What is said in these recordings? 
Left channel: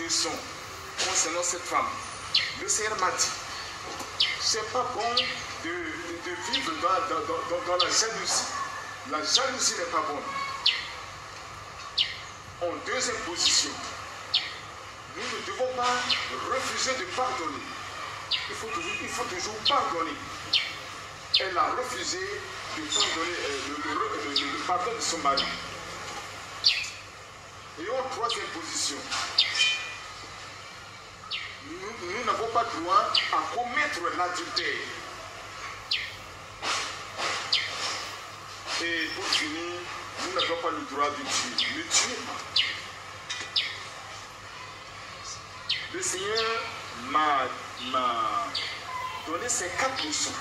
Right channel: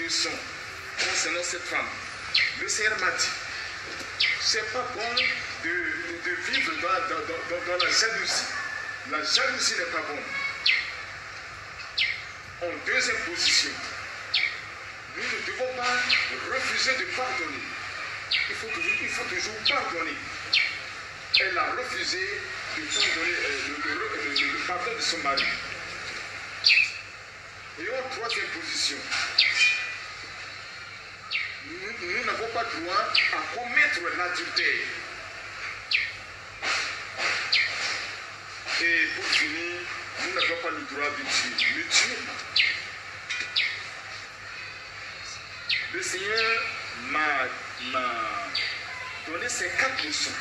leçons concernant cette femme. Le Seigneur m'a dit, c'est pas bon de vivre dans la jalousie. La jalousie n'est pas bonne. En deuxième position, nous ne devons pas refuser de pardonner. Il faut toujours pardonner. Elle a refusé de pardonner le pardon de son mari. Et en troisième position, nous n'avons pas droit à commettre l'adultère. Et pour finir, nous n'avons pas le droit de tuer. Ne tuez pas. Le Seigneur m'a donné ces 4 leçons.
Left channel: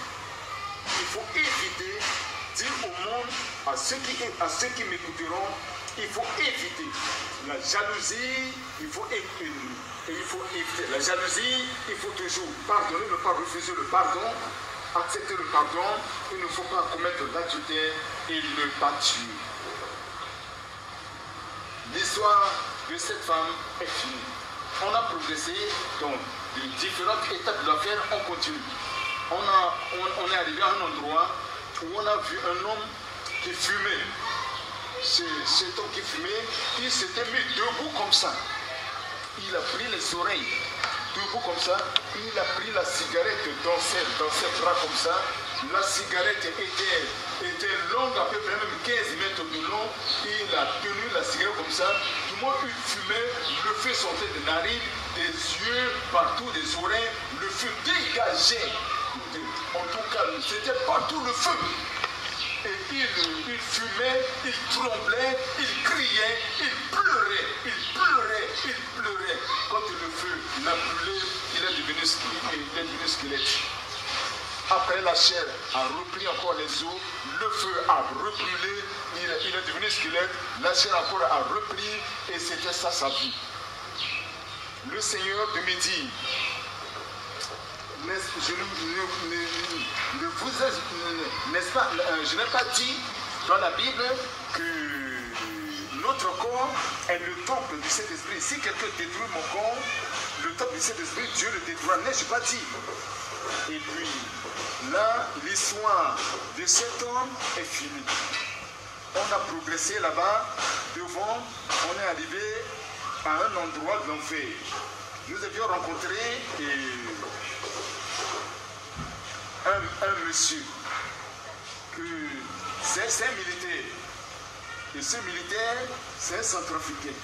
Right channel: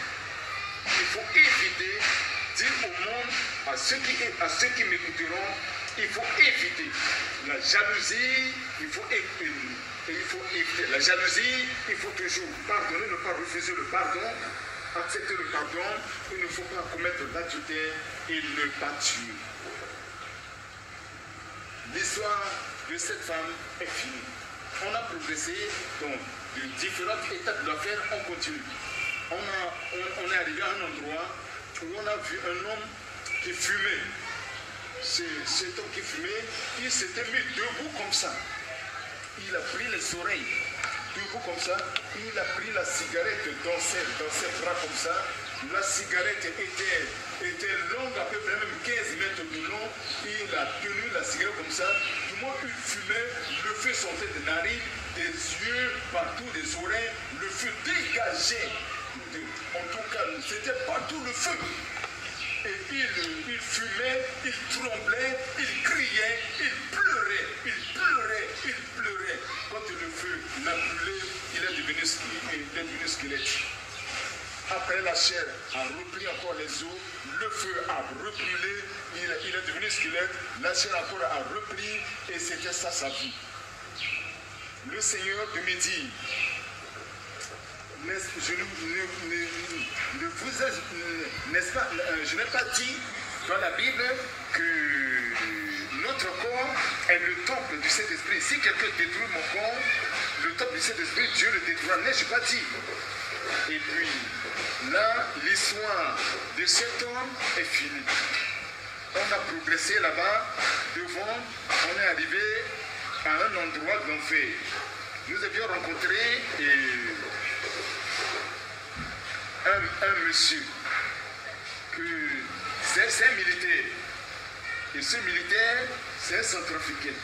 Il faut éviter, dire au monde, à ceux qui m'écouteront, il faut éviter la jalousie, il faut éviter la jalousie, il faut toujours pardonner, ne pas refuser le pardon, accepter le pardon, il ne faut pas commettre l'adultère et ne pas tuer. L'histoire de cette femme est finie. On a progressé dans de différentes étapes de l'affaire, on continue. On est arrivé à un endroit où on a vu un homme qui fumait. Cet homme qui fumait, il s'était mis debout comme ça. Il a pris les oreilles, debout comme ça. Il a pris la cigarette dans ses bras comme ça. La cigarette était longue, à peu près même 15 mètres de long. Il a tenu la cigarette comme ça. Tout le monde fumait, le feu sortait des narines, des yeux, partout, des oreilles. Le feu dégageait. En tout cas, c'était partout le feu. Et il fumait, il tremblait, il criait, il pleurait, il pleurait, il pleurait. Quand le feu l'a brûlé, il est devenu squelette. Après, la chair a repris encore les os, le feu a rebrûlé, il est devenu squelette, la chair encore a repris, et c'était ça sa vie. Le Seigneur de me dit, je n'ai pas dit dans la Bible que notre corps est le temple du Saint-Esprit. Si quelqu'un détruit mon corps, le temple du Saint-Esprit, Dieu le détruira. N'ai-je pas dit? Et puis, là, l'histoire de cet homme est finie. On a progressé là-bas, devant, on est arrivé à un endroit de l'enfer. Nous avions rencontré un monsieur, c'est un militaire. Et ce militaire, c'est un centrafricain.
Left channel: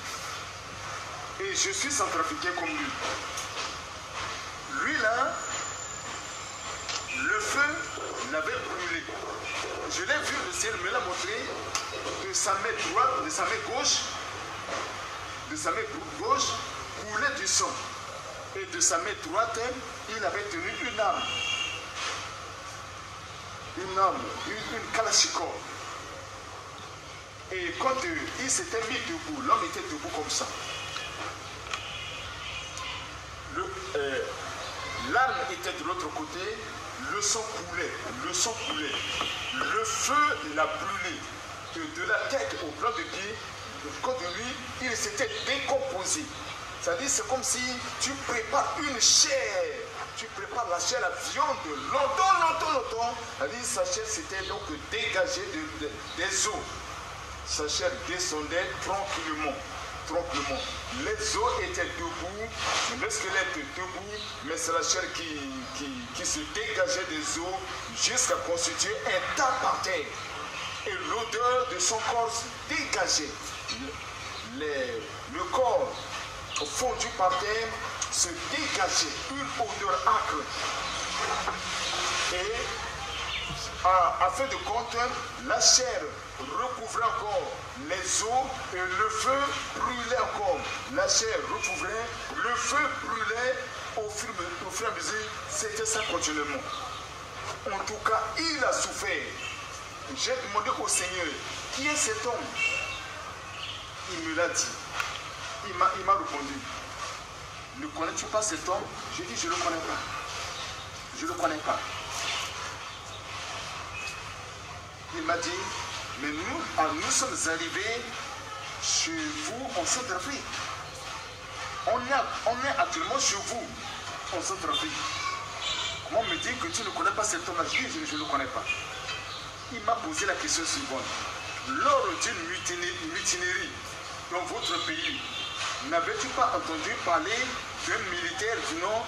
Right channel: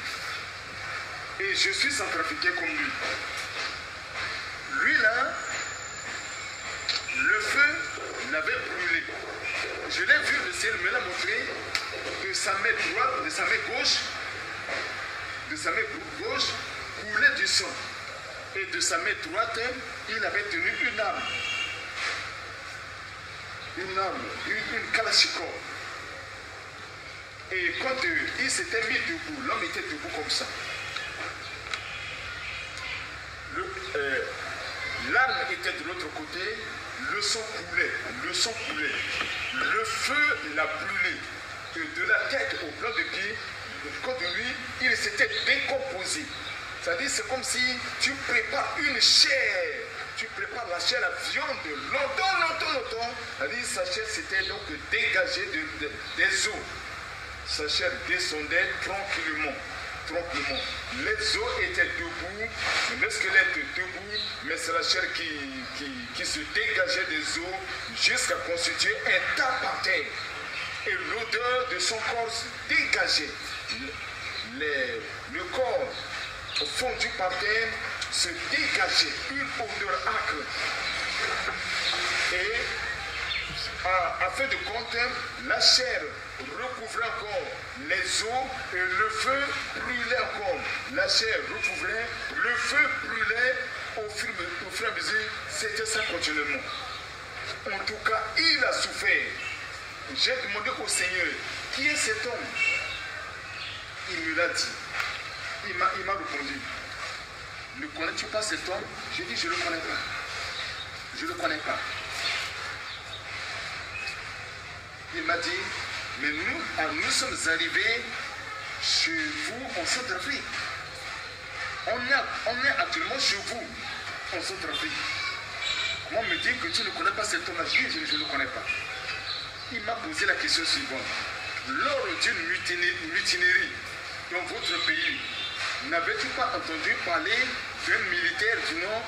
Et je suis centrafricain comme lui. Lui là, le feu l'avait brûlé. Je l'ai vu, le ciel me l'a montré, de sa main droite, de sa main gauche, coulait du sang. Et de sa main droite, il avait tenu une arme. Une kalachnikov. Et quand il s'était mis debout, l'homme était debout comme ça. L'arme était de l'autre côté, le sang coulait. Le feu l'a brûlé. De la tête au plan de pied, quand de lui, il s'était décomposé. C'est-à-dire, c'est comme si tu prépares une chair. Tu prépares la chair, la viande, longtemps. C'est-à-dire, sa chair s'était donc dégagée des os. Sa chair descendait tranquillement. Les os étaient debout, le squelette debout, mais c'est la chair qui se dégageait des os jusqu'à constituer un tas par terre. Et l'odeur de son corps se dégageait. Le corps fondu par terre se dégageait, une odeur âcre. Et à fin de compte, la chair recouvrait encore les os et le feu brûlait encore. La chair recouvrait, le feu brûlait au fur et à mesure, c'était ça continuellement. En tout cas, il a souffert. J'ai demandé au Seigneur, qui est cet homme? Il me l'a dit. Il m'a répondu, ne connais-tu pas cet homme? J'ai dit, je ne le connais pas. Je ne le connais pas. Il m'a dit, mais nous sommes arrivés chez vous en Centrafrique. On on est actuellement chez vous, en Centrafrique. Comment me dire que tu ne connais pas cet homme-là? Je ne le connais pas. Il m'a posé la question suivante. Lors d'une mutinerie dans votre pays, n'avez-tu pas entendu parler d'un militaire du nom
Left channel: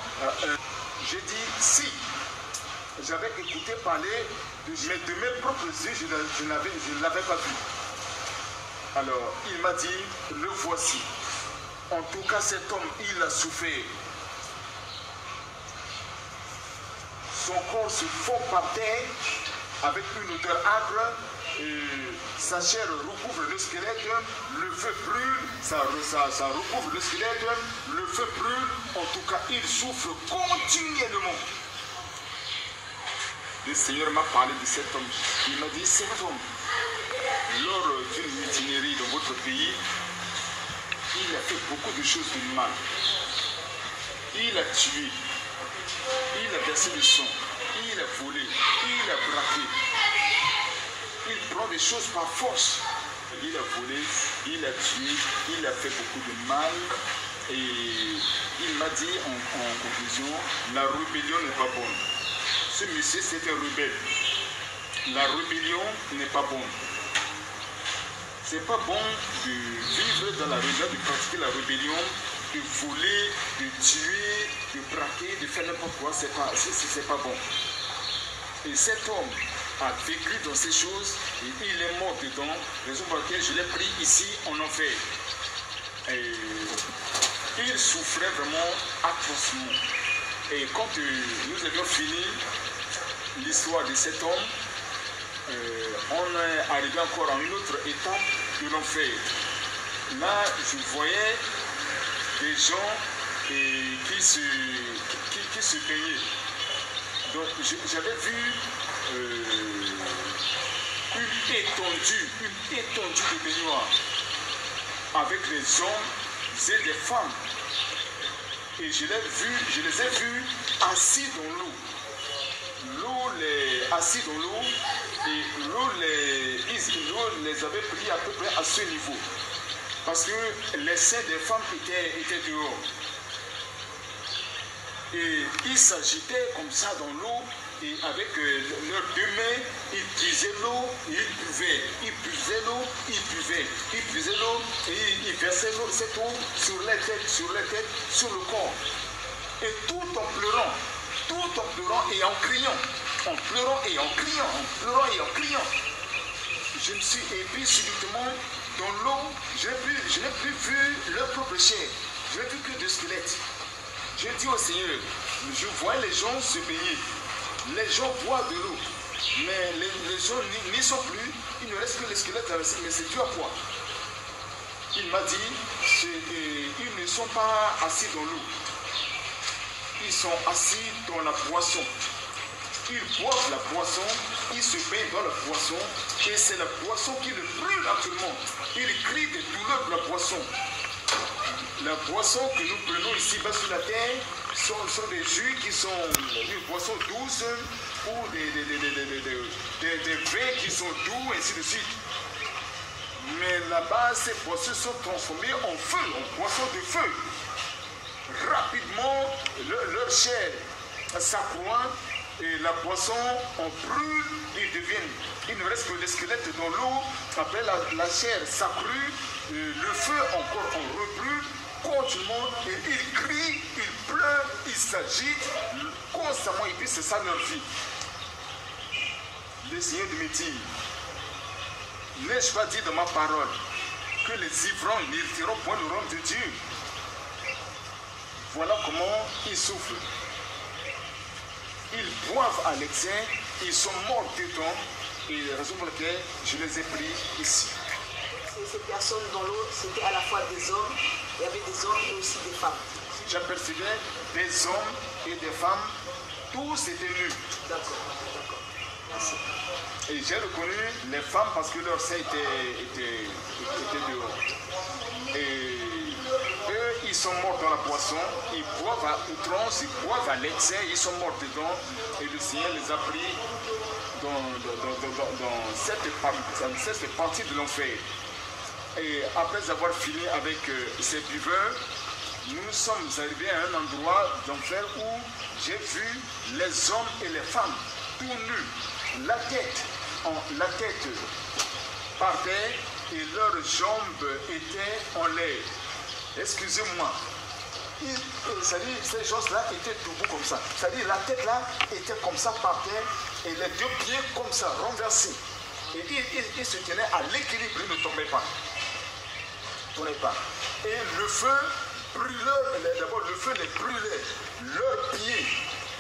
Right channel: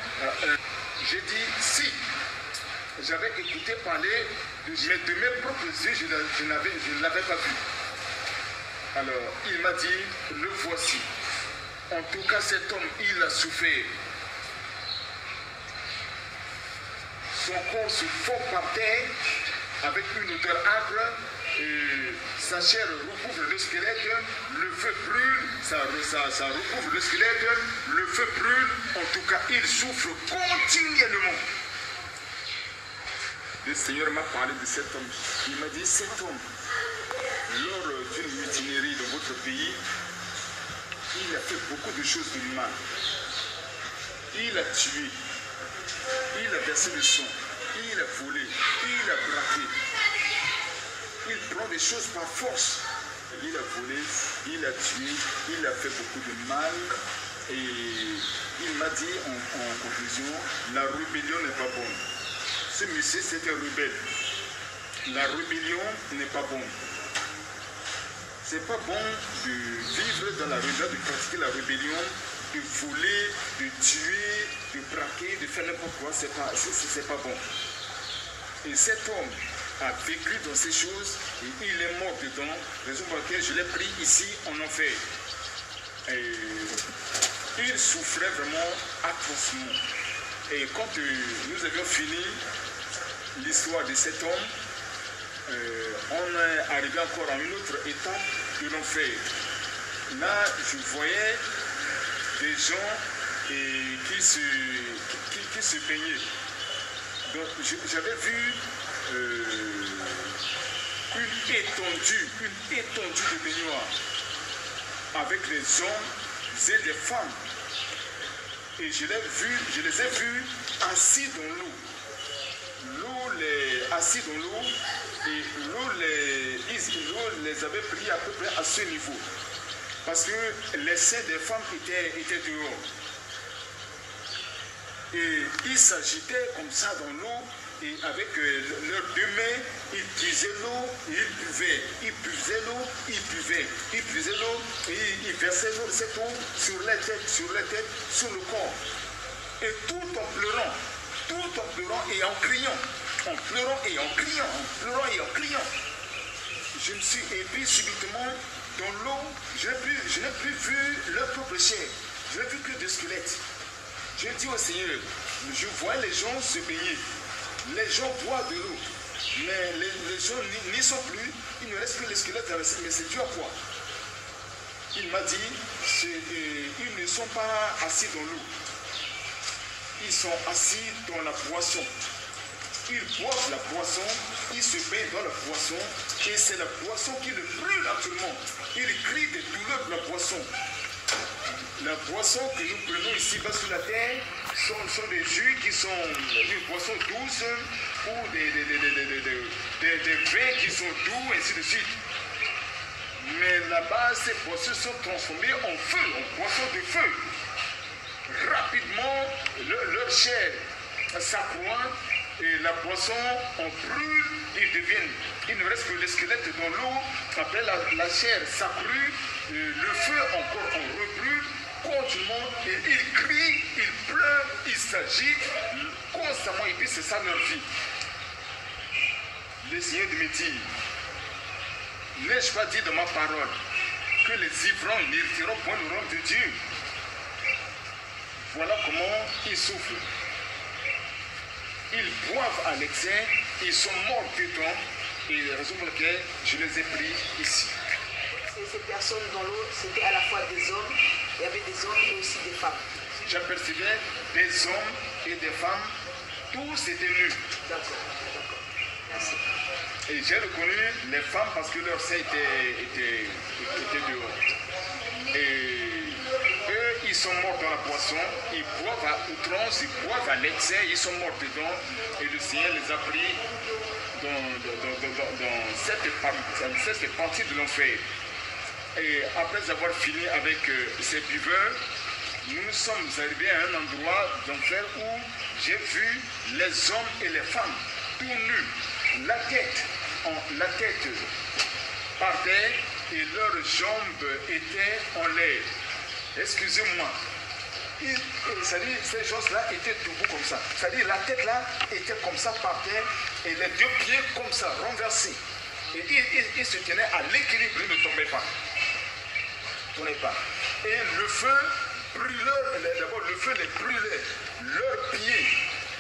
j'ai dit si. J'avais écouté parler de mes propres yeux, je ne l'avais pas vu. Alors, il m'a dit, le voici. En tout cas, cet homme, il a souffert. Son corps se fond par terre avec une odeur âcre. Sa chair recouvre le squelette, le feu brûle, ça recouvre le squelette, le feu brûle. En tout cas, il souffre continuellement. Le Seigneur m'a parlé de cet homme. Il m'a dit, cet homme, lors d'une mutinerie dans votre pays, il a fait beaucoup de choses de mal. Il a tué, il a versé le sang, il a volé, il a braqué. Il prend des choses par force. Il a volé, il a tué, il a fait beaucoup de mal. Et il m'a dit en conclusion, la rébellion n'est pas bonne. Ce monsieur, c'est un rebelle. La rébellion n'est pas bonne. C'est pas bon de vivre dans la rébellion, de pratiquer la rébellion, de voler, de tuer, de braquer, de faire n'importe quoi. C'est pas bon. Et cet homme a vécu dans ces choses et il est mort dedans, raison pour laquelle je l'ai pris ici en enfer. Et il souffrait vraiment atrocement. Et quand nous avions fini l'histoire de cet homme, on est arrivé encore à une autre étape de l'enfer. Là, je voyais des gens qui se baignaient. Donc, j'avais vu une étendue de baignoire avec des hommes et des femmes. Et je les ai vus assis dans l'eau. Assis dans l'eau, et l'eau les avait pris à peu près à ce niveau. Parce que les seins des femmes étaient dehors. Et ils s'agitaient comme ça dans l'eau, et avec leurs deux mains, ils puisaient l'eau, et ils buvaient. Ils puisaient l'eau, ils buvaient. Ils puisaient l'eau, et ils versaient cette eau sur les têtes, sur le corps. Et tout en pleurant et en criant. En pleurant et en criant. Je me suis ébloui subitement dans l'eau. Je n'ai plus vu leur propre chair. Je n'ai vu que des squelettes. Je dis au Seigneur, je vois les gens se baigner. Les gens boivent de l'eau. Mais les gens n'y sont plus. Il ne reste que les squelettes, mais c'est dû à quoi? Il m'a dit, ils ne sont pas assis dans l'eau. Ils sont assis dans la boisson. Ils boivent la boisson, ils se baignent dans la boisson, et c'est la boisson qui le brûle actuellement. Ils crient des douleurs de la boisson. La boisson que nous prenons ici bas sur la terre sont des jus qui sont une boisson douce ou des vins qui sont doux, ainsi de suite. Mais là-bas, ces boissons sont transformées en feu, en boisson de feu. Rapidement, leur chair s'accroît et la boisson en brûle, il ne reste que les squelettes dans l'eau. Après la chair s'accrue, le feu encore en rebrûle continuellement et ils crient, ils pleurent, ils s'agitent constamment et puis c'est ça leur vie. Le Seigneur me dit, n'ai-je pas dit dans ma parole que les ivrognes n'hériteront point le royaume de Dieu? Voilà comment ils souffrent. Ils boivent à l'excès, ils sont morts dedans, et la raison pour laquelle je les ai pris ici. Ces personnes dans l'eau, c'était à la fois des hommes, il y avait des hommes et aussi des femmes. J'apercevais des hommes et des femmes, tous étaient nus. D'accord. Merci. Et j'ai reconnu les femmes parce que leurs seins étaient dehors. Et eux, ils sont morts dans la boisson, ils boivent à outrance, ils boivent à l'excès, ils sont morts dedans. Et le Seigneur les a pris dans cette partie de l'enfer. Et après avoir fini avec ces buveurs, nous sommes arrivés à un endroit d'enfer où j'ai vu les hommes et les femmes tout nus, la tête par terre et leurs jambes étaient en l'air. Excusez-moi. C'est-à-dire ces gens-là étaient debout comme ça. C'est-à-dire la tête là était comme ça par terre et les deux pieds comme ça, renversés. Et ils se tenaient à l'équilibre, ils ne tombaient pas. Et le feu brûlait, d'abord le feu les brûlait. Leurs pieds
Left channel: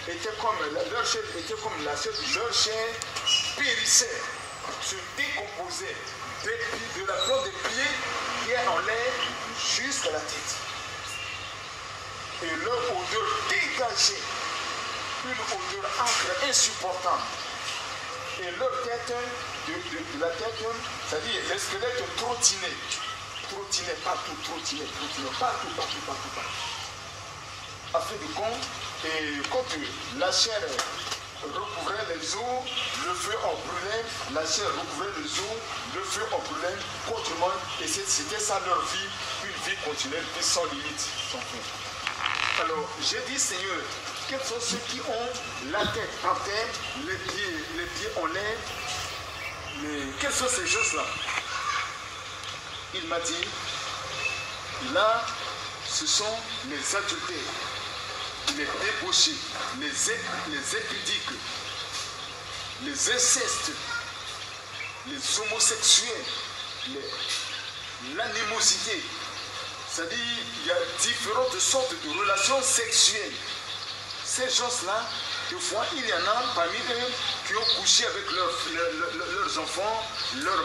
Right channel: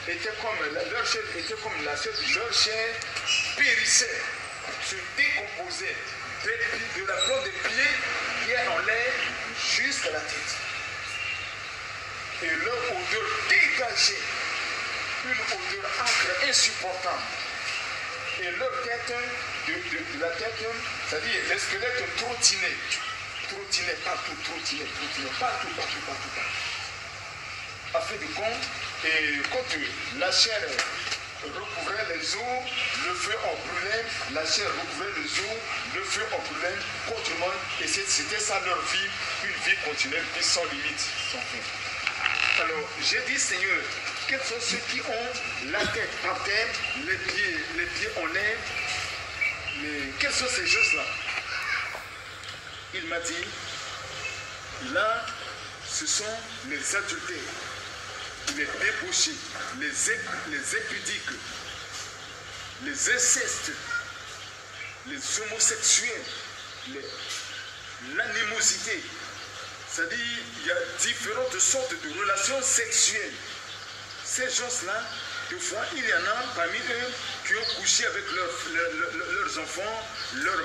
étaient comme, leur chair était comme la chair, leur chair périssait, se décomposait de la plante des pieds qui est en l'air jusqu'à la tête. Et leur odeur dégageait une odeur âcre, insupportable. Et leur tête, de la tête, c'est-à-dire les squelettes trottinaient partout, partout. À fait de compte, et quand la chair recouvrait les os, le feu en brûlait, la chair recouvrait les os, le feu en brûlait continuellement, et c'était ça leur vie, une vie continuelle, une vie sans limite, sans fin. Alors, j'ai dit, Seigneur, quels sont ceux qui ont la tête par terre, les pieds en l'air, mais quels sont ces choses-là? Il m'a dit, là, ce sont les adultères, les débauchés, les impudiques, les incestes, les homosexuels, l'animosité. C'est-à-dire, il y a différentes sortes de relations sexuelles. Ces gens-là, des fois, il y en a parmi eux qui ont couché avec leurs enfants, leurs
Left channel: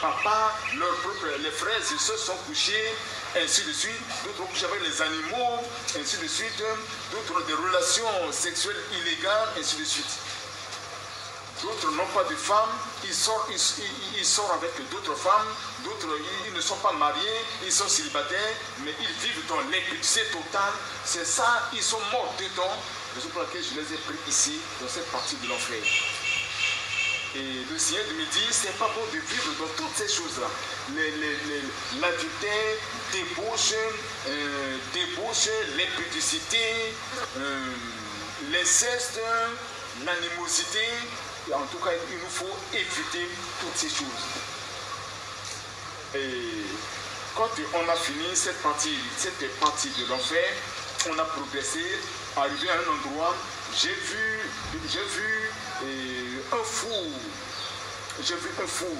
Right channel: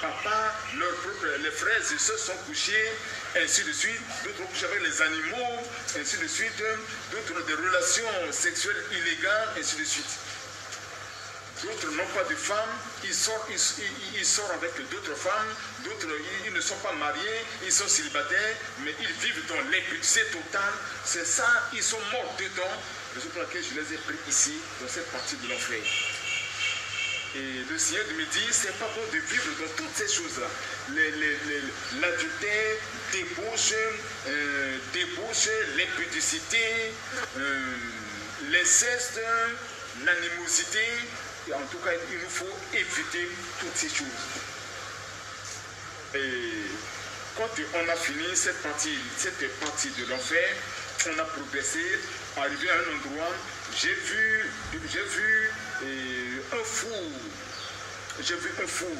papas, les frères et sœurs sont couchés, ainsi de suite. D'autres ont couché avec les animaux, ainsi de suite. D'autres des relations sexuelles illégales, ainsi de suite. D'autres n'ont pas de femmes, ils sortent avec d'autres femmes, d'autres ils ne sont pas mariés, ils sont célibataires, mais ils vivent dans l'impudicité totale. C'est ça, ils sont morts dedans. C'est pour laquelle je les ai pris ici, dans cette partie de l'enfer. Et le Seigneur me dit, c'est pas bon de vivre dans toutes ces choses-là. L'adultère, débauche, l'impudicité, l'inceste, l'animosité. Et en tout cas, il nous faut éviter toutes ces choses. Et quand on a fini cette partie de l'enfer, on a progressé, arrivé à un endroit, j'ai vu un four. J'ai vu un four.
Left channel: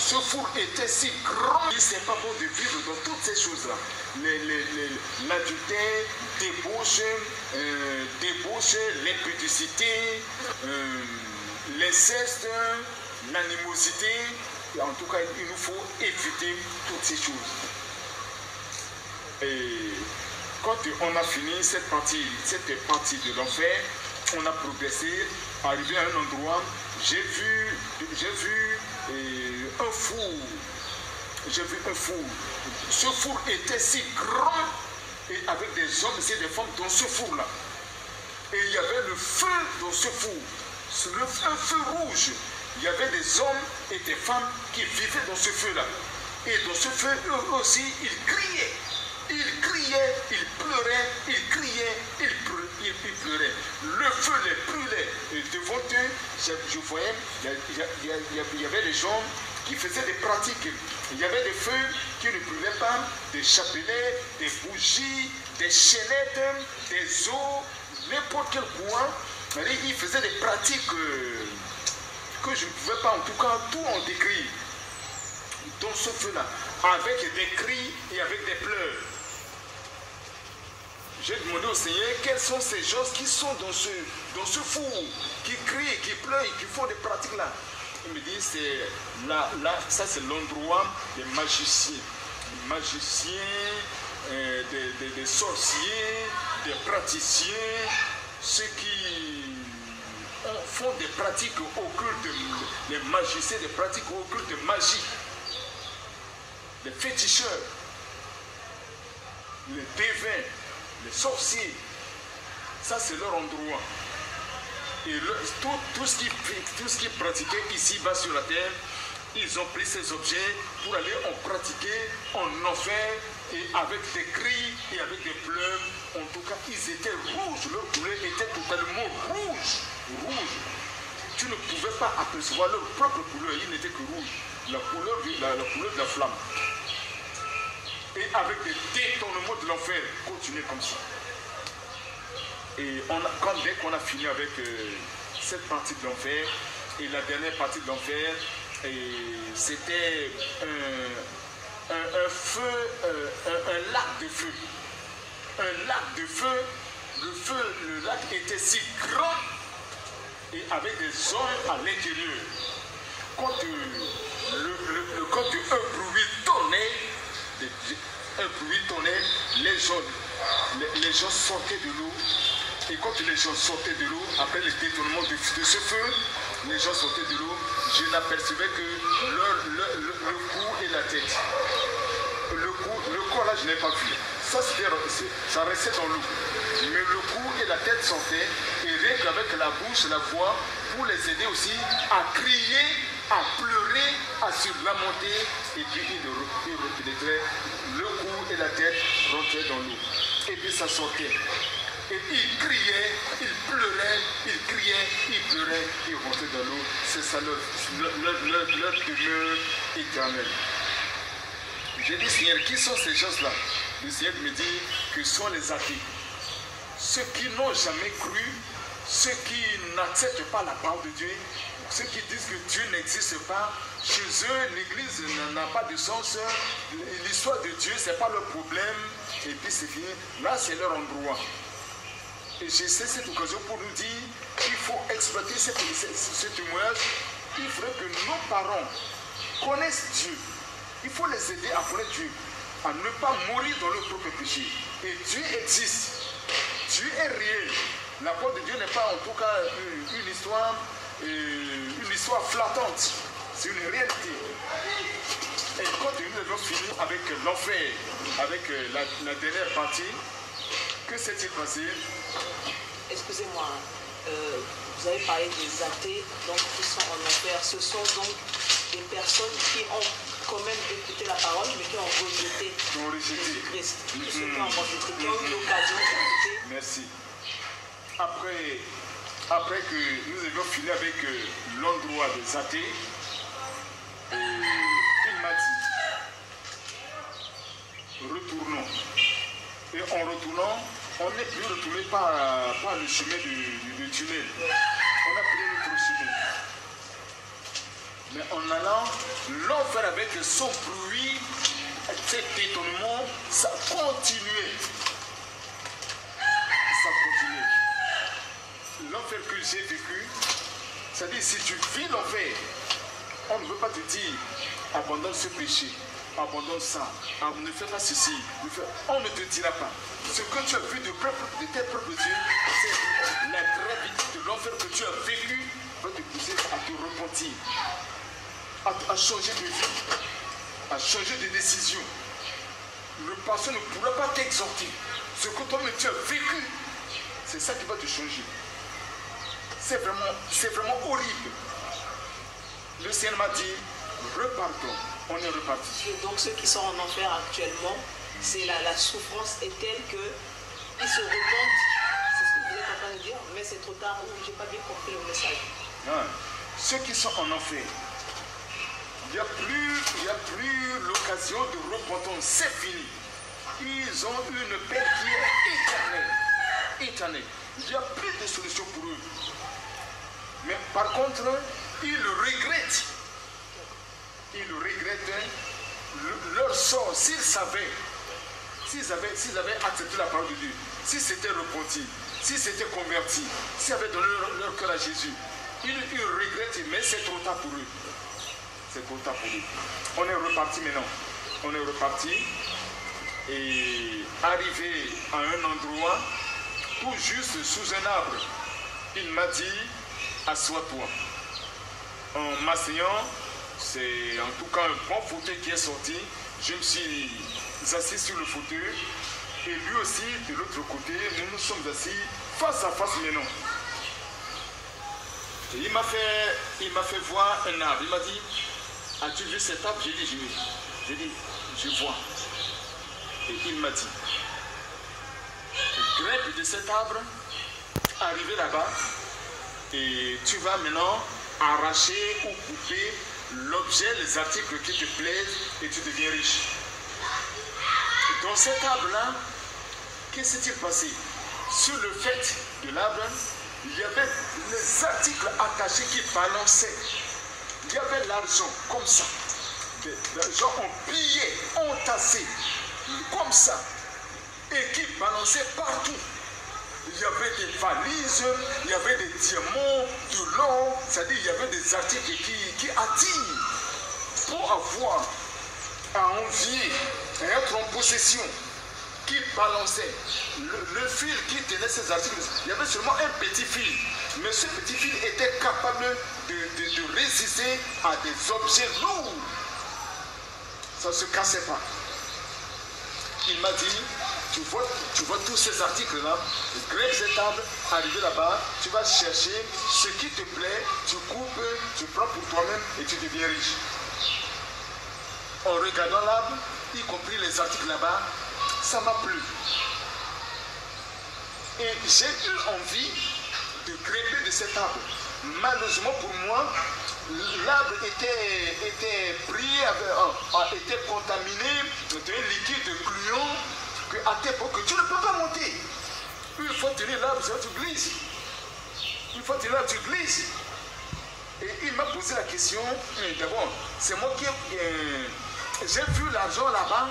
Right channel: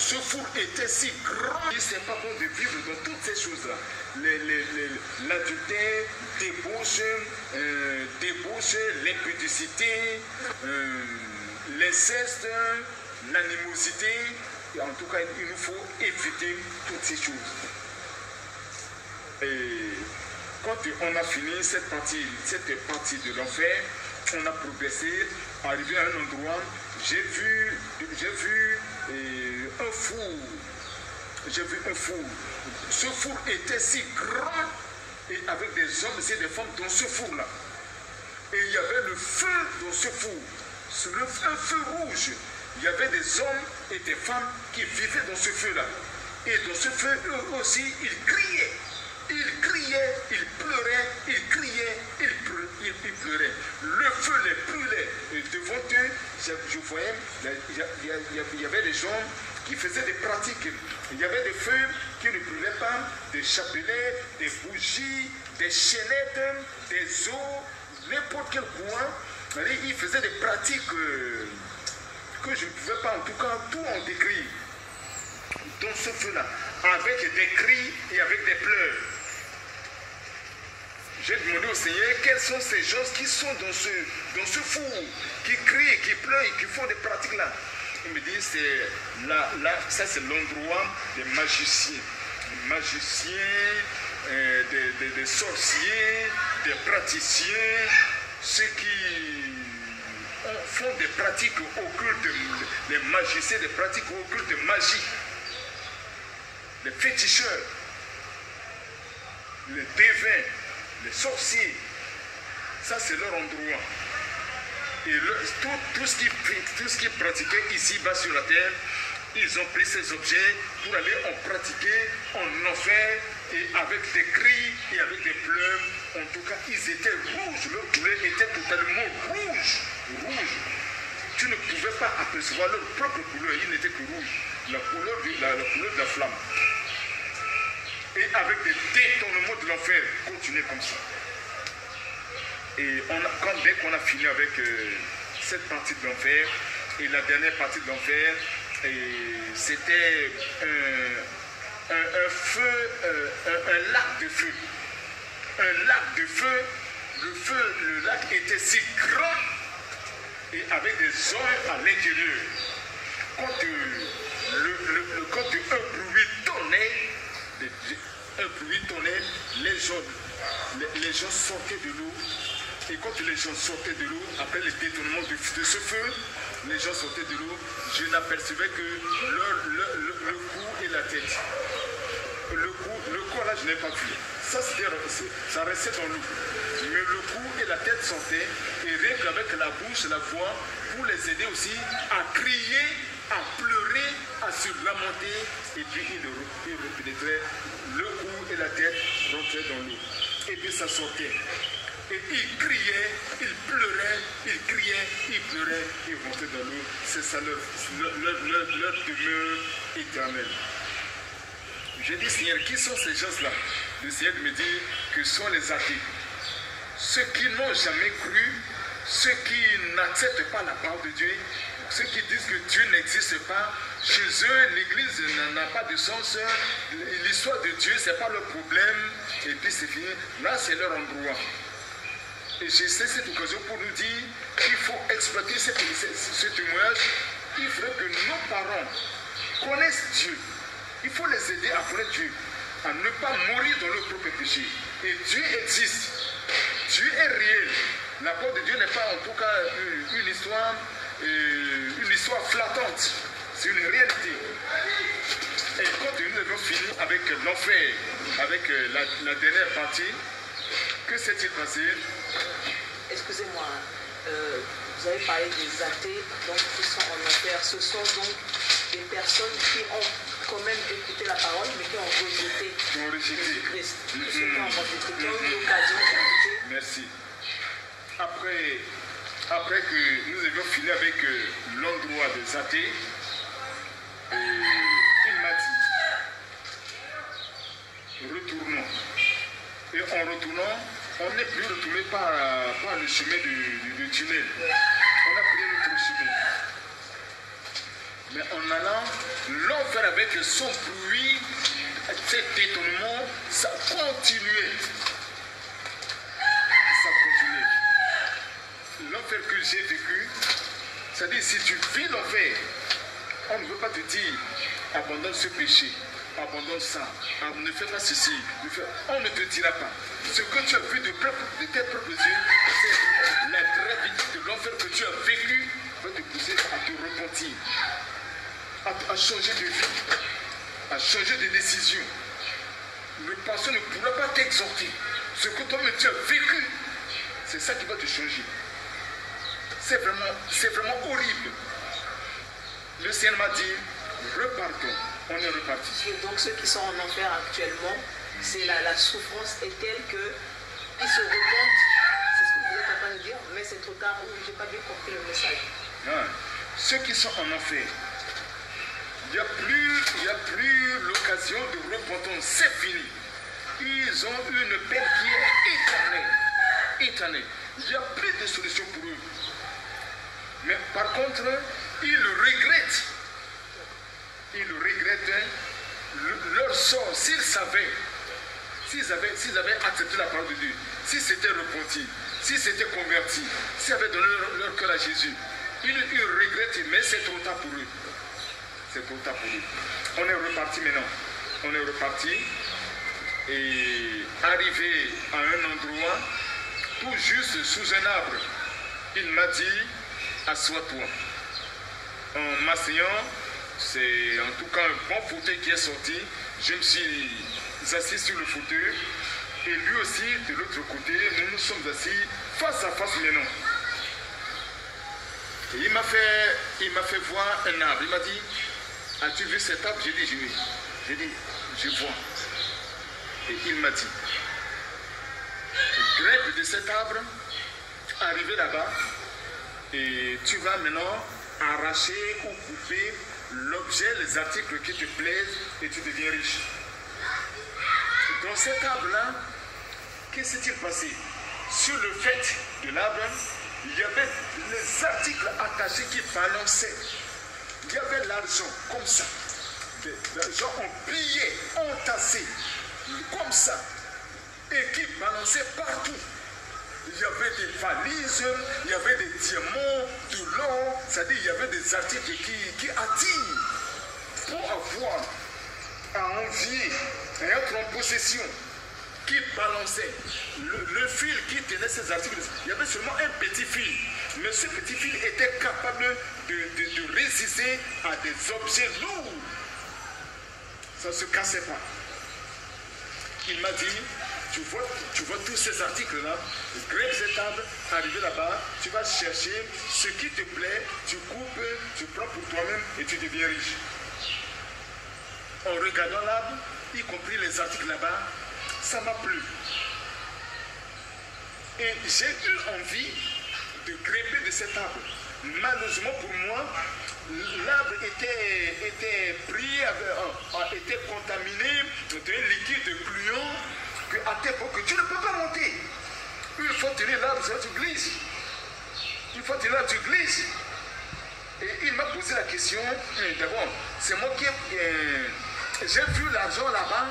Ce four était si grand. C'est pas bon de vivre dans toutes ces choses-là. L'adultère, débauche, l'impudicité, l'inceste, l'animosité. Et en tout cas, il nous faut éviter toutes ces choses. Et quand on a fini cette partie de l'enfer, on a progressé, arrivé à un endroit, j'ai vu un four. J'ai vu un four. Ce four était si grand, et avec des hommes et des femmes dans ce four-là. Et il y avait le feu dans ce four. Un feu rouge. Il y avait des hommes et des femmes qui vivaient dans ce feu-là. Et dans ce feu, eux aussi, ils criaient. Ils criaient, ils pleuraient, ils criaient, ils pleuraient. Le feu les brûlait. Et devant eux, je voyais, il y avait des gens qui faisaient des pratiques. Il y avait des feux qui ne brûlaient pas, des chapelets, des bougies, des chaînettes, des os, n'importe quel coin. Ils faisaient des pratiques que je ne pouvais pas, en tout cas, tout en décrire. Dans ce feu-là, avec des cris et avec des pleurs. J'ai demandé au Seigneur quels sont ces gens qui sont dans ce four, qui crient, qui pleurent, qui font des pratiques là. Il me dit, c'est là, ça c'est l'endroit des magiciens. Des magiciens, des sorciers, des praticiens, ceux qui font des pratiques occultes, les magiciens, des pratiques occultes de magie, les féticheurs, les devins, les sorciers. Ça c'est leur endroit. Et tout ce qui pratiquait ici-bas sur la terre, ils ont pris ces objets pour aller en pratiquer en enfer Et avec des cris et avec des pleurs, en tout cas, ils étaient rouges. Leur couleur était totalement rouge. Tu ne pouvais pas apercevoir leur propre couleur. Ils n'étaient que rouges. La couleur de la flamme. Et avec des détournements de l'enfer, continuez comme ça. Et dès qu'on a fini avec cette partie de l'enfer, et la dernière partie de l'enfer, c'était un feu, un lac de feu. Un lac de feu. Le lac était si grand et avec des hommes à l'intérieur. Quand un bruit tonnait, les gens sortaient de l'eau. Et quand les gens sortaient de l'eau, après le détournement de ce feu, les gens sortaient de l'eau, je n'apercevais que le cou et la tête. Le corps là, je n'ai pas vu. Ça restait dans l'eau. Mais le cou et la tête sortaient, et rien qu'avec la bouche, la voix, pour les aider aussi à crier, à pleurer, à se lamenter, et puis ils repénétraient, le cou et la tête rentraient dans l'eau. Et puis ça sortait. Et ils criaient, ils pleuraient, ils criaient, ils pleuraient, ils rentraient dans l'eau. C'est ça leur demeure éternelle. J'ai dit, Seigneur, qui sont ces gens-là? Le Seigneur me dit que sont les athées. Ceux qui n'ont jamais cru, ceux qui n'acceptent pas la parole de Dieu, ceux qui disent que Dieu n'existe pas, chez eux, l'église n'a pas de sens, l'histoire de Dieu, ce n'est pas leur problème, et puis c'est fini. Là, c'est leur endroit. Et j'ai cette occasion pour nous dire qu'il faut exploiter ce témoignage. Il faudrait que nos parents connaissent Dieu. Il faut les aider à connaître Dieu, à ne pas mourir dans leur propre péché. Et Dieu existe. Dieu est réel. La parole de Dieu n'est pas en tout cas une histoire flattante. C'est une réalité. Et quand nous avons fini avec l'enfer, avec la dernière partie, que s'est-il passé? Excusez-moi, vous avez parlé des athées donc, qui sont en enfer. Ce sont donc des personnes qui ont quand même écouté la parole, mais qui ont rejeté Jésus-Christ. Ceux qui ont rejeté, qui ont eu l'occasion d'écouter. Merci. Après que nous avions fini avec l'endroit des athées, il m'a dit, retournons. Et en retournant, on n'est plus retourné par le chemin du tunnel. On a pris notre chemin. Mais en allant, l'enfer avec son bruit, cet étonnement, ça continuait. Ça continuait. L'enfer que j'ai vécu, c'est-à-dire si tu vis l'enfer, on ne veut pas te dire abandonne ce péché, abandonne ça, ne fais pas ceci, on ne te dira pas. Ce que tu as vu de tes propres yeux, c'est la gravité de l'enfer que tu as vécu va te pousser à te repentir, à changer de vie, à changer de décision. Le passé ne pourra pas t'exhorter. Ce que toi-même tu as vécu, c'est ça qui va te changer. C'est vraiment horrible. Le Seigneur m'a dit, repartons. On est reparti. Et donc ceux qui sont en enfer actuellement, c'est la souffrance est telle qu'ils se repentent. C'est ce que vous êtes en train de dire, mais c'est trop tard. Je n'ai pas bien compris le message. Non. Ceux qui sont en enfer, il n'y a plus l'occasion de repentance. C'est fini. Ils ont une peine qui est éternelle. Éternelle. Il n'y a plus de solution pour eux. Mais par contre, ils regrettent. Ils regrettent leur sort. S'ils avaient accepté la parole de Dieu, s'ils s'étaient repentis, s'ils s'étaient convertis, s'ils avaient donné leur cœur à Jésus, ils regrettent, mais c'est trop tard pour eux. C'est trop tard pour eux. On est reparti maintenant. On est reparti et arrivé à un endroit, tout juste sous un arbre, il m'a dit, assois-toi. En m'asseyant, c'est en tout cas un bon fauteuil qui est sorti. Je me suis assis sur le fauteuil et lui aussi de l'autre côté. Nous nous sommes assis face à face maintenant. Et il m'a fait voir un arbre. Il m'a dit, as-tu vu cet arbre? J'ai dit, oui. J'ai dit, je vois. Et il m'a dit, grimpe de cet arbre, arrivé là-bas, et tu vas maintenant arracher ou couper l'objet, les articles qui te plaisent, et tu deviens riche. Dans cet arbre-là, qu'est-ce qui s'est passé? Sur le fait de l'arbre, il y avait les articles attachés qui balançaient. Il y avait l'argent comme ça. L'argent en billets, entassés, comme ça. Et qui balançaient partout. Il y avait des valises, il y avait des diamants, de l'or, c'est-à-dire il y avait des articles qui attirent pour avoir à envier et être en possession, qui balançait. Le fil qui tenait ces articles, il y avait seulement un petit fil, mais ce petit fil était capable de résister à des objets lourds. Ça ne se cassait pas. Il m'a dit, tu vois tous ces articles-là, grimpe cet arbre, arrivé là-bas, tu vas chercher ce qui te plaît, tu coupes, tu prends pour toi-même et tu deviens riche. En regardant l'arbre, y compris les articles là-bas, ça m'a plu. Et j'ai eu envie de grimper de cet arbre. Malheureusement pour moi, l'arbre était pris, était contaminé d'un liquide gluant qu'à tes époque, tu ne peux pas monter. Il faut tenir l'arbre, tu glisses. Il faut tenir l'arbre, tu glisses. Et il m'a posé la question, d'abord, c'est moi qui j'ai vu l'argent là-bas,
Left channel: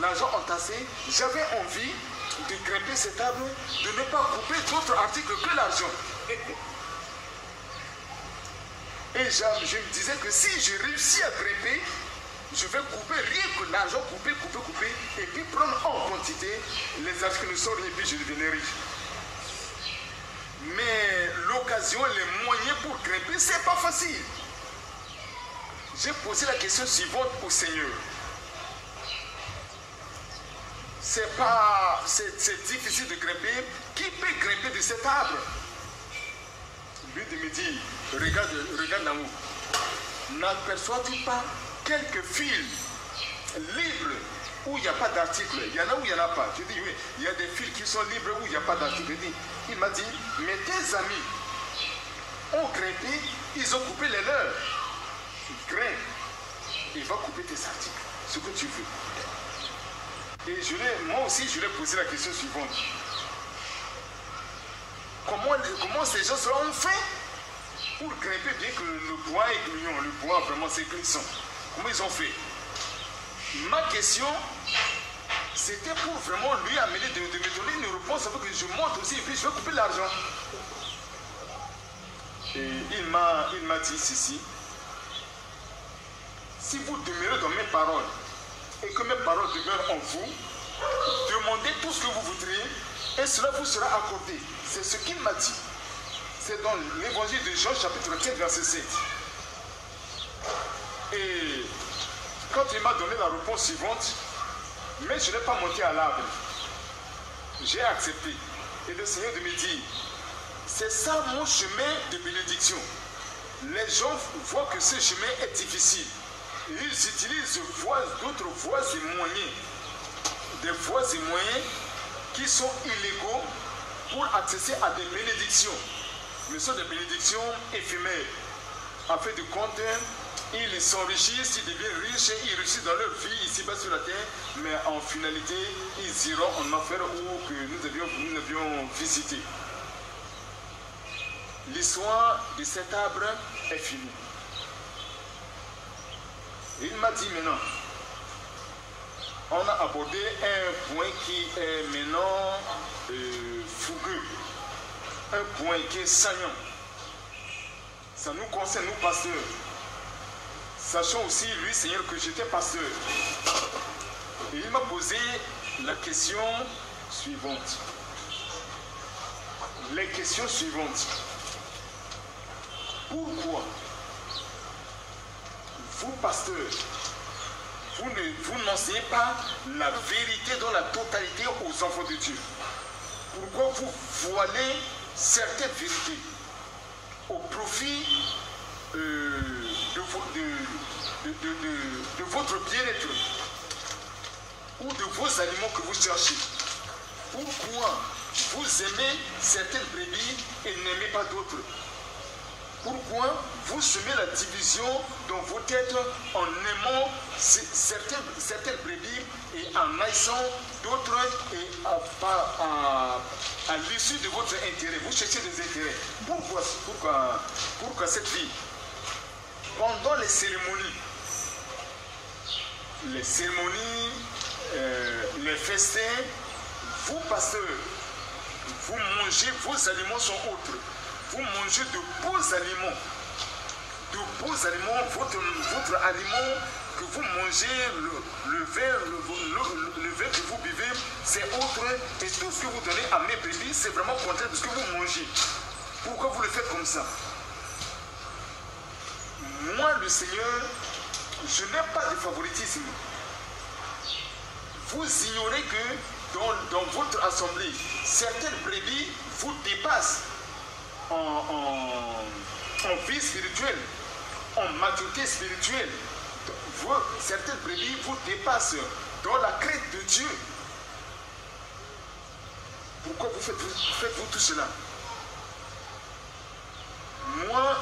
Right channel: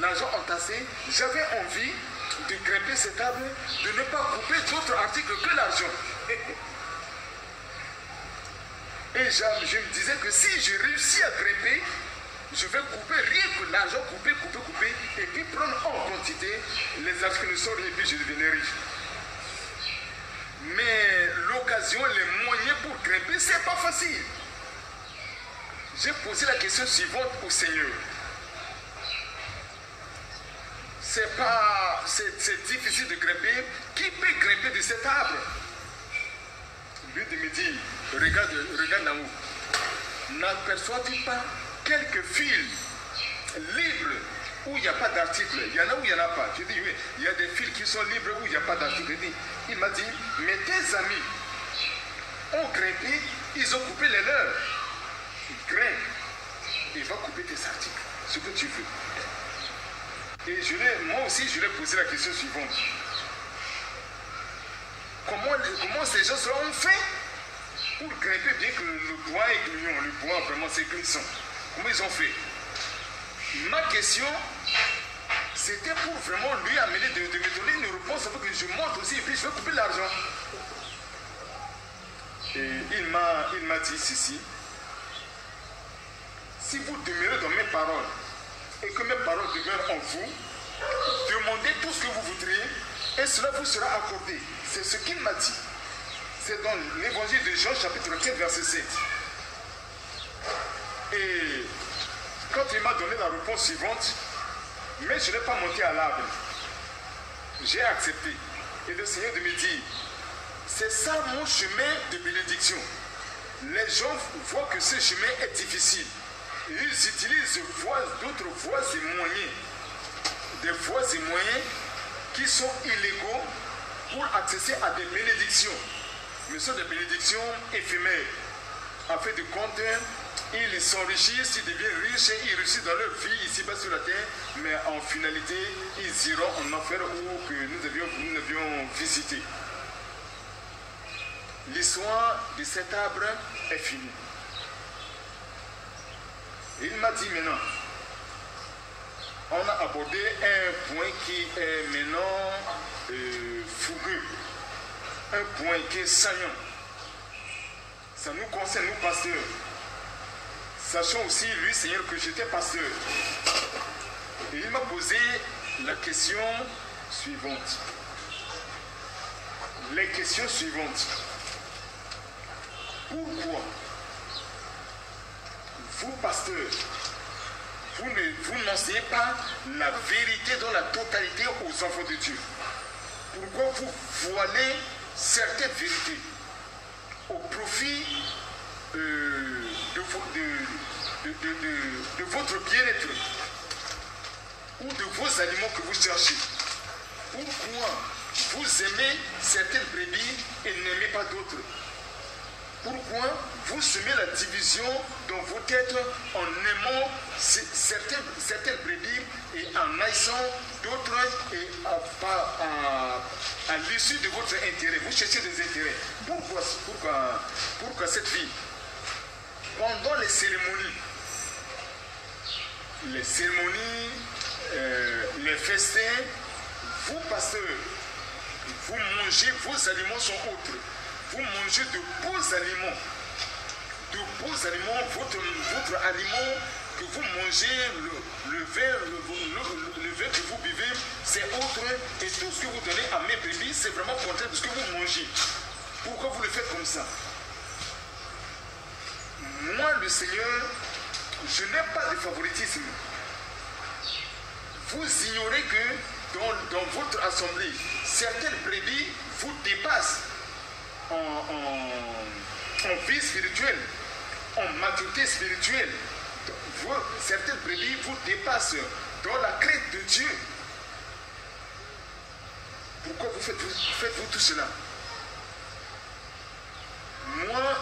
l'argent entassé, j'avais envie de grimper cet arbre, de ne pas couper d'autres articles que l'argent. Et je me disais que si je réussis à grimper, je vais couper rien que l'argent, couper, et puis prendre en quantité les articles ne sont rien, et puis je devenais riche. Mais l'occasion, les moyens pour grimper, c'est pas facile. J'ai posé la question suivante au Seigneur. C'est difficile de grimper. Qui peut grimper de cet arbre? Lui de me dire, regarde là-haut. N'aperçois-tu pas quelques fils libres où il n'y a pas d'article? Il y en a où il n'y en a pas. Je dis oui, il y a des fils qui sont libres où il n'y a pas d'article. Il m'a dit, mais tes amis ont grimpé, ils ont coupé les leurs. Grimpe, il va couper tes articles, ce que tu veux. Et moi aussi, je lui ai posé la question suivante. Comment ces gens ont fait pour grimper, bien que le bois est gluant, le bois vraiment c'est glissant? Comment ils ont fait? Ma question, c'était pour vraiment lui amener de me donner une réponse afin que je monte aussi et puis je vais couper l'argent. Et il m'a dit ceci. Si vous demeurez dans mes paroles et que mes paroles demeurent en vous, demandez tout ce que vous voudriez et cela vous sera accordé. C'est ce qu'il m'a dit. C'est dans l'évangile de Jean, chapitre 4, verset 7. Et quand il m'a donné la réponse suivante, mais je n'ai pas monté à l'arbre, j'ai accepté. Et le Seigneur de me dire, c'est ça mon chemin de bénédiction. Les gens voient que ce chemin est difficile. Ils utilisent d'autres voies et moyens. Des voies et moyens qui sont illégaux pour accéder à des bénédictions. Mais ce sont des bénédictions éphémères. En fait de compte, ils s'enrichissent, ils deviennent riches, ils réussissent dans leur vie ici-bas sur la terre, mais en finalité, ils iront en enfer où que nous devions visiter. L'histoire de cet arbre est finie. Et il m'a dit maintenant, on a abordé un point qui est maintenant fougueux, un point qui est saillant. Ça nous concerne, nous pasteurs. Sachant aussi, lui, Seigneur, que j'étais pasteur. Et il m'a posé la question suivante. Les questions suivantes. Pourquoi vous, pasteurs, vous n'enseignez pas la vérité dans la totalité aux enfants de Dieu? Pourquoi vous voilez certaines vérités au profit de votre bien-être ou de vos animaux que vous cherchez? Pourquoi vous aimez certaines brebis et n'aimez pas d'autres? Pourquoi vous semez la division dans vos têtes en aimant certaines brebis et en haïssant d'autres et à l'issue de votre intérêt? Vous cherchez des intérêts. Pourquoi cette vie? Pendant les cérémonies, les festins, vous, pasteurs, vous mangez, vos aliments sont autres. Vous mangez de beaux aliments. De beaux aliments, votre aliment que vous mangez, le verre que vous buvez, c'est autre. Et tout ce que vous donnez à mes brebis, c'est vraiment contraire de ce que vous mangez. Pourquoi vous le faites comme ça? Moi, le Seigneur, je n'ai pas de favoritisme. Vous ignorez que dans votre assemblée, certaines brebis vous dépassent en vie spirituelle, en maturité spirituelle. Certaines brebis vous dépassent dans la crainte de Dieu. Pourquoi faites-vous tout cela? Moi,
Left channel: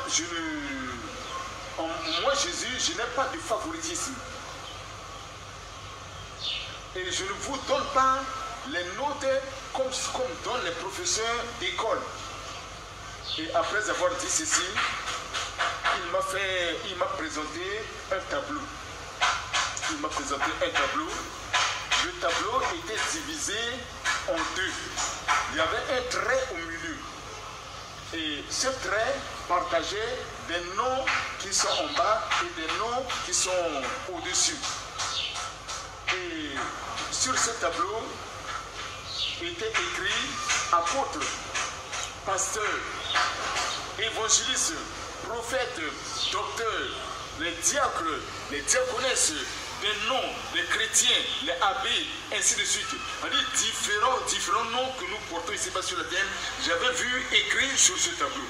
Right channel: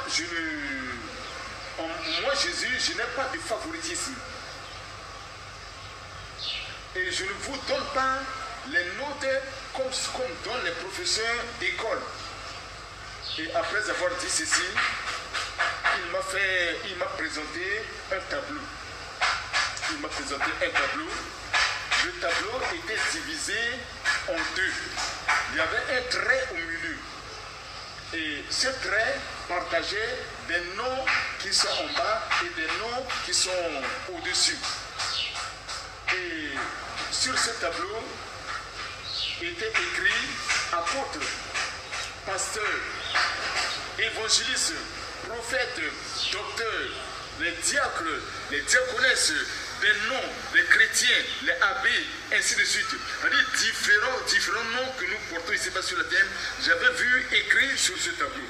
Jésus, je n'ai pas de favoritisme. Et je ne vous donne pas les notes comme donnent les professeurs d'école. Et après avoir dit ceci, il m'a présenté un tableau. Le tableau était divisé en deux. Il y avait un trait au milieu. Et ce trait partageait des noms qui sont en bas et des noms qui sont au-dessus. Et sur ce tableau était écrit apôtre, pasteur, évangéliste, prophète, docteur, les diacres, les diaconesses, les noms, les chrétiens, les abbés, ainsi de suite. C'est-à-dire différents noms que nous portons ici-bas sur la terre, j'avais vu écrits sur ce tableau.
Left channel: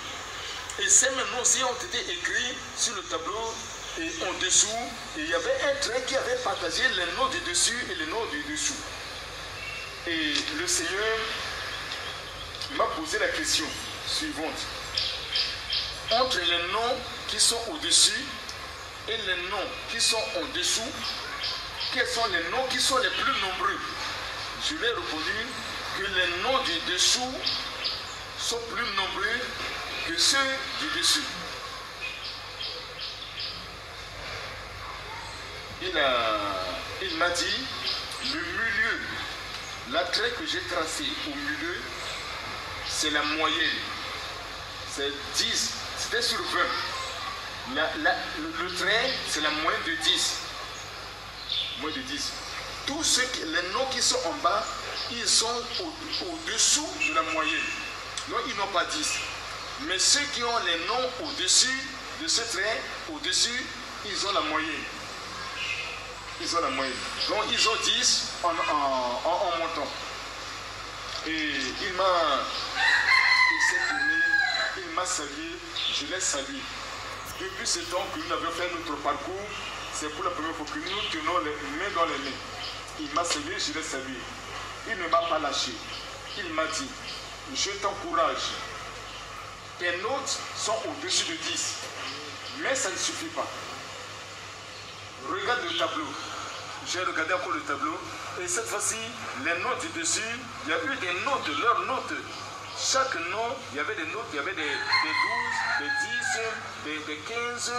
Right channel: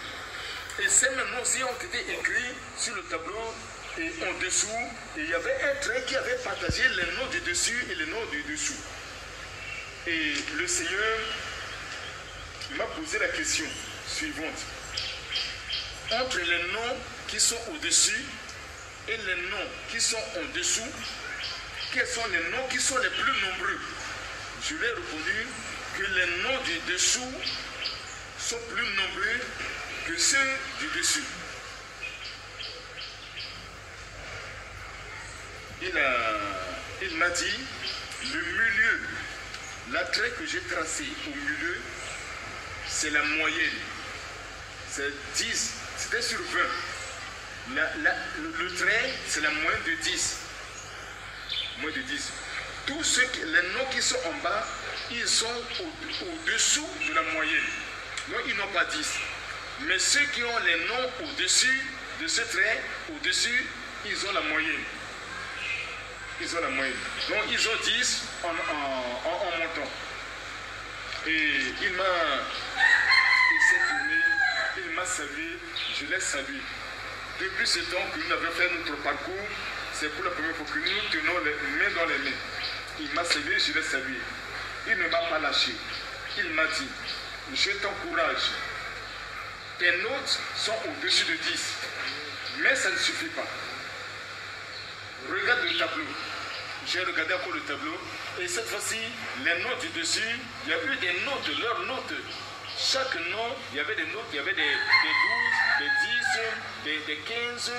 Et ces mêmes noms aussi ont été écrits sur le tableau et en dessous. Et il y avait un trait qui avait partagé les noms du dessus et les noms du dessous. Et le Seigneur m'a posé la question suivante. Entre les noms qui sont au-dessus et les noms qui sont en dessous, quels sont les noms qui sont les plus nombreux? Je lui ai répondu que les noms du dessous sont plus nombreux que ceux du dessus. Il m'a dit, le milieu, la trait que j'ai tracé au milieu, c'est la moyenne. C'est 10, c'était sur 20. Le trait, c'est la moyenne de 10. Moins de 10. Tous les noms qui sont en bas, ils sont au-dessous de la moyenne. Donc, ils n'ont pas 10. Mais ceux qui ont les noms au-dessus de ce trait, au-dessus, ils ont la moyenne. Ils ont la moyenne. Donc, ils ont 10 en montant. Et il s'est tourné, il m'a salué, je l'ai salué. Depuis ce temps que nous avions fait notre parcours, c'est pour la première fois que nous tenons les mains dans les mains. Il m'a salué, je l'ai salué. Il ne m'a pas lâché. Il m'a dit, je t'encourage. Tes notes sont au-dessus de 10. Mais ça ne suffit pas. Regarde le tableau. J'ai regardé encore le tableau. Et cette fois-ci, les notes du dessus, il y a eu des notes, leurs notes. Chaque nom, il y avait des notes, il y avait des 12, des 10, des 15,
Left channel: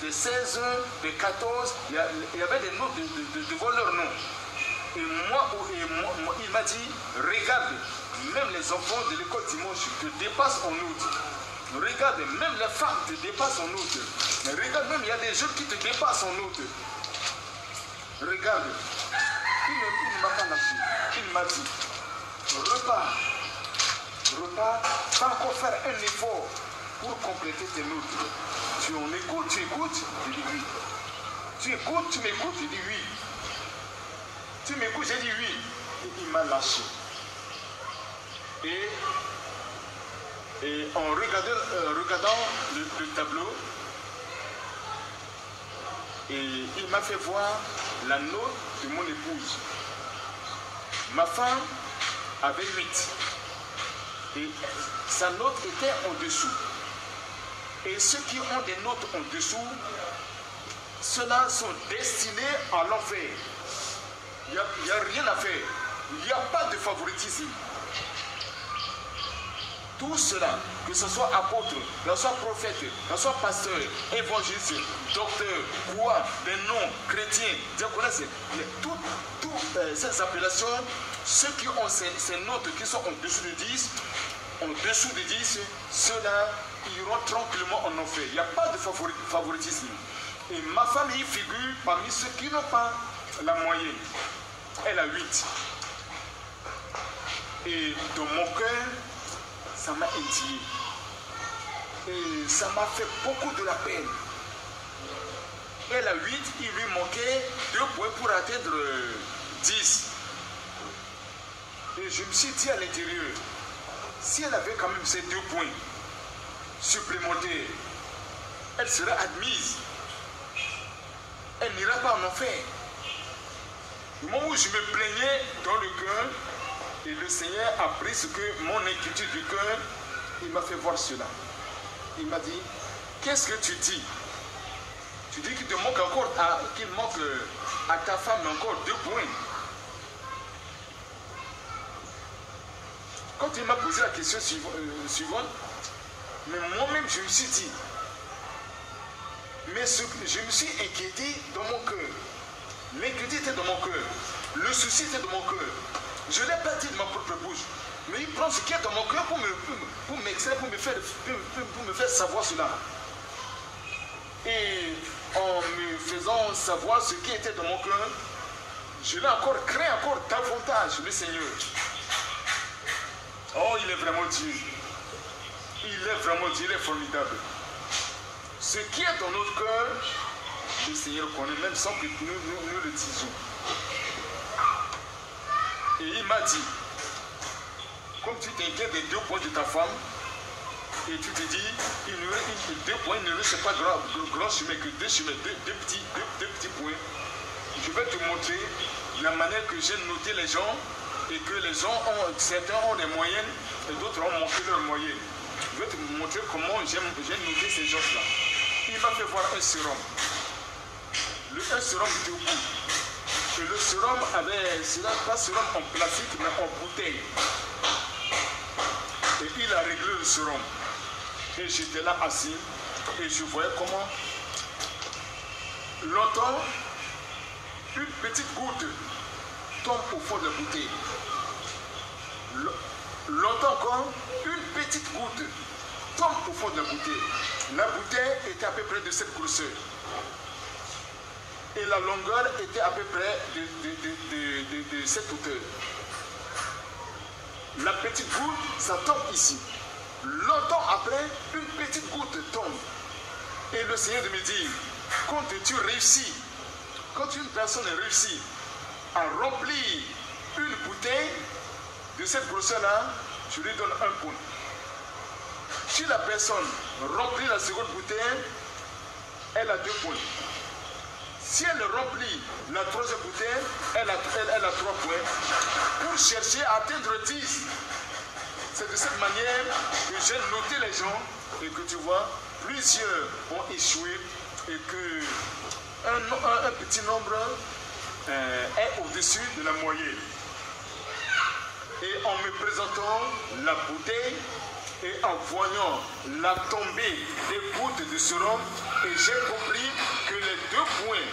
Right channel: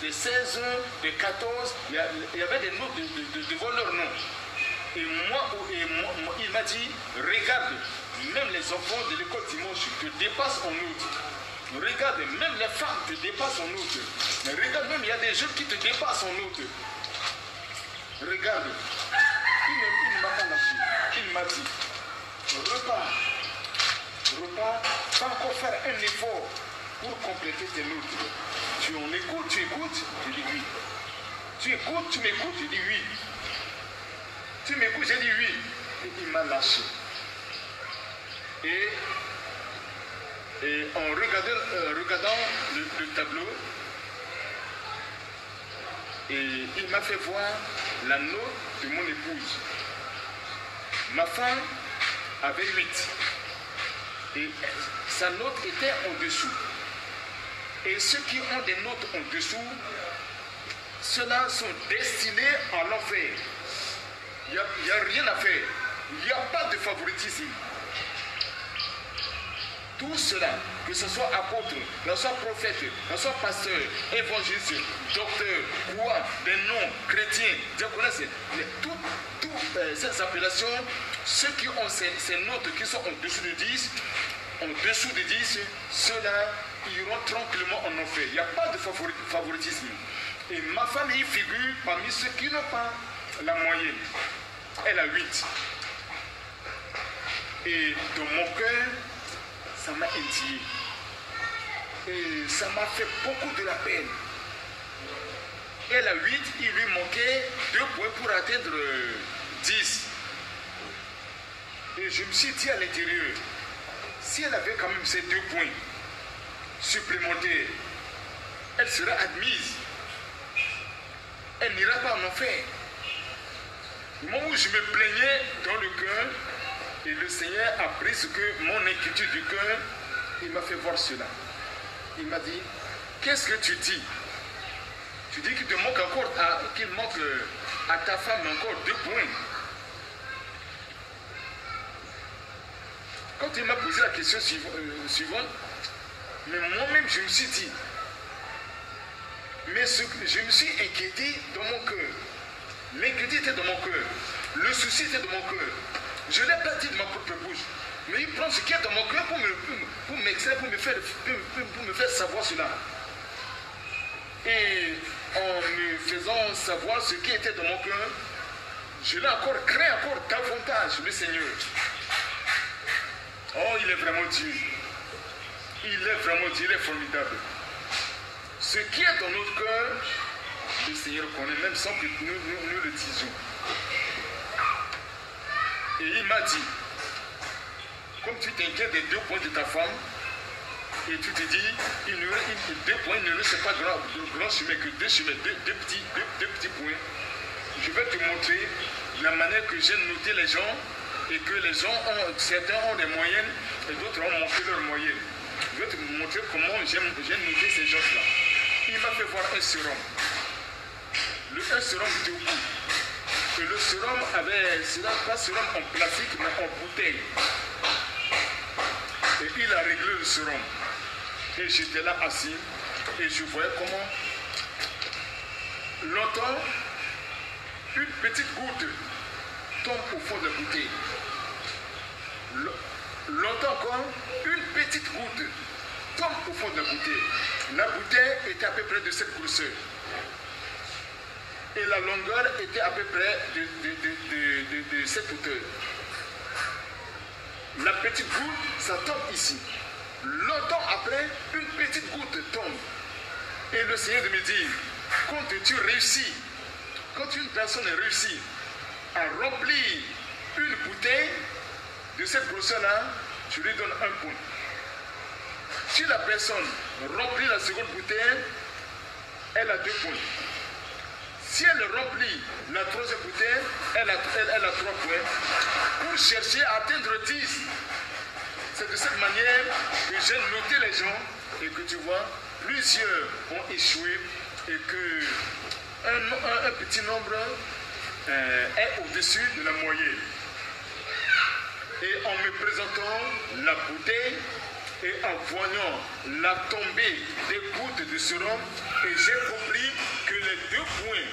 des 16, des 14. Il y avait des notes devant leur nom. Et moi, il m'a dit, regarde, même les enfants de l'école dimanche te dépassent en notes. Regarde, même les femmes te dépassent en notes. Mais regarde, même il y a des jeunes qui te dépassent en notes. Regarde, il ne m'a pas lâché. Il m'a dit, repars, pas encore faire un effort pour compléter tes notes. Tu en écoutes, tu écoutes, je dis oui. Tu écoutes, tu m'écoutes, je dis oui. Tu m'écoutes, j'ai dit oui. Et il m'a lâché. Et en regardant le tableau, et il m'a fait voir la note de mon épouse. Ma femme avait 8. Et sa note était en dessous. Et ceux qui ont des notes en dessous, ceux-là sont destinés à l'enfer. Il n'y a rien à faire. Il n'y a pas de favoritisme. Tout cela, que ce soit apôtre, que ce soit prophète, que ce soit pasteur, évangéliste, docteur, quoi, des noms, chrétiens, diaconesse, toutes ces appellations, ceux qui ont ces notes qui sont en dessous de 10, ceux-là iront tranquillement en enfer. Il n'y a pas de favoritisme. Et ma femme y figure parmi ceux qui n'ont pas la moyenne. Elle a 8. Et dans mon cœur, ça m'a indigné. Et ça m'a fait beaucoup de la peine. Elle a 8, il lui manquait 2 points pour atteindre 10. Et je me suis dit à l'intérieur, si elle avait quand même ces 2 points supplémentaires, elle serait admise. Elle n'ira pas en enfer. Moi où je me plaignais dans le cœur, et le Seigneur a pris ce que mon inquiétude du cœur, il m'a fait voir cela. Il m'a dit, qu'est-ce que tu dis? Tu dis qu'il te manque encore, qu'il manque à ta femme encore 2 points. Quand il m'a posé la question suivante, mais moi-même je me suis dit, mais je me suis inquiété dans mon cœur. L'inquiétude était dans mon cœur. Le souci était dans mon cœur. Je ne l'ai pas dit de ma propre bouche. Mais il prend ce qui est dans mon cœur pour m'extraire, pour me faire savoir cela. Et en me faisant savoir ce qui était dans mon cœur, je l'ai encore créé encore davantage, le Seigneur. Oh, il est vraiment Dieu. Il est vraiment Dieu, il est formidable. Ce qui est dans notre cœur, le Seigneur connaît, même sans que nous le disions. Et il m'a dit, comme tu t'inquiètes des 2 points de ta femme, et tu te dis, 2 points, il ne reste pas grand chemin, que 2 chemins, deux petits points. Je vais te montrer la manière que j'ai noté les gens, et que les gens certains ont des moyennes, et d'autres ont monté leurs moyennes. Je vais te montrer comment j'ai noté ces gens-là. Il m'a fait voir un sérum. Un sérum debout. Et le sérum avait, pas sérum en plastique, mais en bouteille. Et il a réglé le sérum. Et j'étais là assis, et je voyais comment, longtemps, une petite goutte tombe au fond de la bouteille. Longtemps encore, une petite goutte tombe au fond de la bouteille. La bouteille était à peu près de cette grosseur. Et la longueur était à peu près de cette hauteur. La petite goutte, ça tombe ici. Longtemps après, une petite goutte tombe. Et le Seigneur me dit, quand tu réussis, quand une personne réussit à remplir une bouteille de cette grosseur-là, tu lui donnes 1 point. Si la personne remplit la seconde bouteille, elle a 2 points. Si elle remplit la 3e bouteille, elle a 3 points. Pour chercher à atteindre 10. C'est de cette manière que j'ai noté les gens et que tu vois, plusieurs ont échoué et que un petit nombre est au-dessus de la moyenne. Et en me présentant la bouteille et en voyant la tombée des gouttes de sérum, et j'ai compris que les 2 points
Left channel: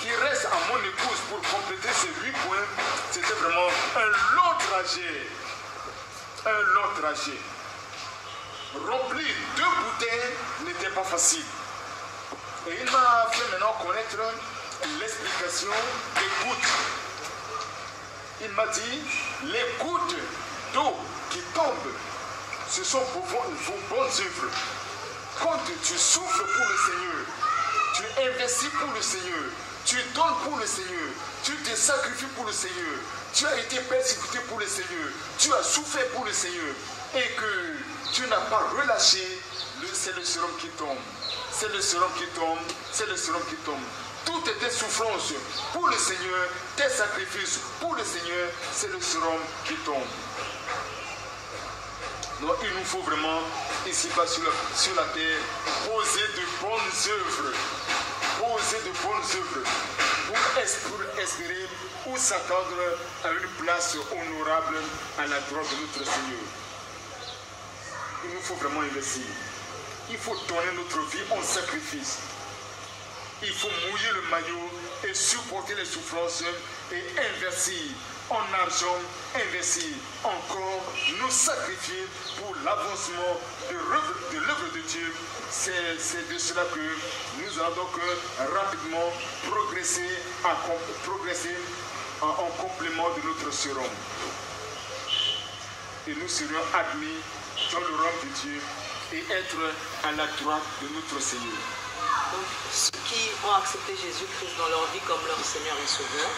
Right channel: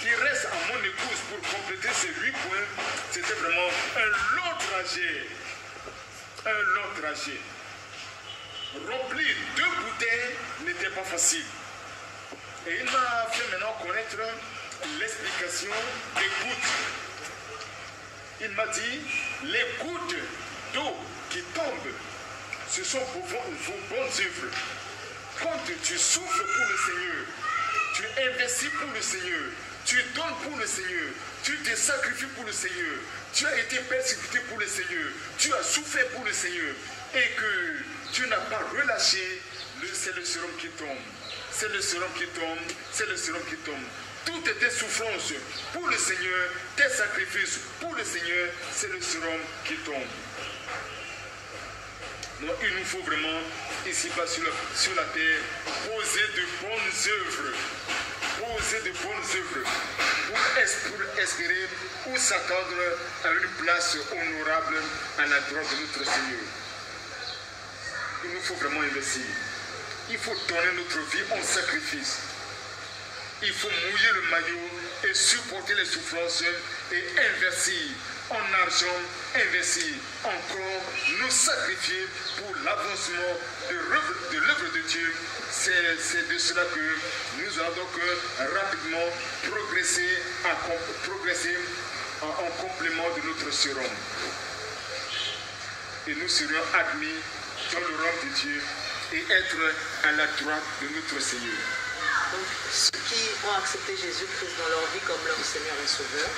qui restent à mon épouse pour compléter ces 8 points, c'était vraiment un long trajet. Un long trajet. Remplir 2 bouteilles n'était pas facile. Et il m'a fait maintenant connaître l'explication des gouttes. Il m'a dit, les gouttes d'eau qui tombent, ce sont vos bonnes œuvres. Quand tu souffres pour le Seigneur, tu investis pour le Seigneur, tu donnes pour le Seigneur, tu te sacrifies pour le Seigneur, tu as été persécuté pour le Seigneur, tu as souffert pour le Seigneur, et que tu n'as pas relâché, c'est le sérum qui tombe. C'est le sérum qui tombe, c'est le sérum qui tombe. Toutes tes souffrances pour le Seigneur, tes sacrifices pour le Seigneur, c'est le sérum qui tombe. Donc il nous faut vraiment, ici-bas sur la terre, poser de bonnes œuvres. Poser de bonnes œuvres pour espérer ou s'attendre à une place honorable à la droite de notre Seigneur. Il nous faut vraiment investir. Il faut donner notre vie en sacrifice. Il faut mouiller le maillot et supporter les souffrances et investir en argent, investir encore, nous sacrifier pour l'avancement de l'œuvre de Dieu. C'est de cela que nous allons donc rapidement progresser en complément de notre sérum. Et nous serons admis dans le rang de Dieu et être à la droite de notre Seigneur. Donc, ceux qui ont accepté Jésus-Christ dans leur vie comme leur Seigneur et Sauveur,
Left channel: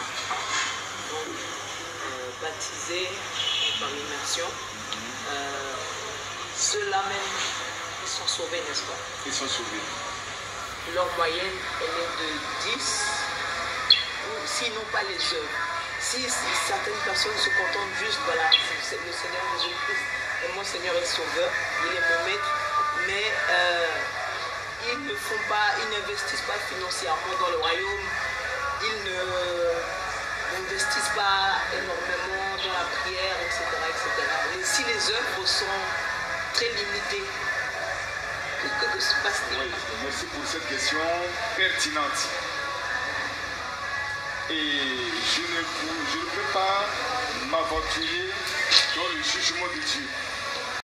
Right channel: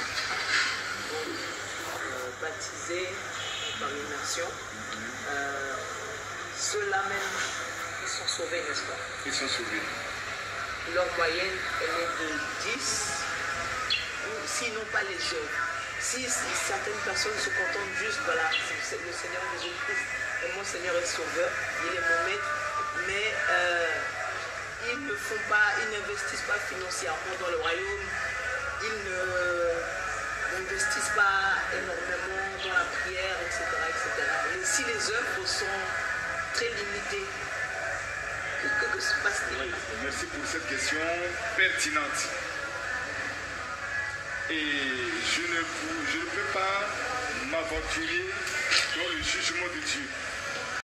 donc baptisés par l'immersion, ceux-là même, ils sont sauvés, n'est-ce pas? Ils sont sauvés. Leur moyenne, elle est de 10, ou sinon pas les œuvres. Si certaines personnes se contentent juste, voilà, c'est le Seigneur Jésus-Christ est mon Seigneur et Sauveur, il est mon maître, mais ils ne font pas, ils n'investissent pas financièrement dans le royaume, ils n'investissent pas énormément dans la prière, etc. Et si les œuvres sont très limitées, que se passe-t-il? Oui, merci pour cette question pertinente. Et je ne peux pas m'aventurer dans le jugement de Dieu.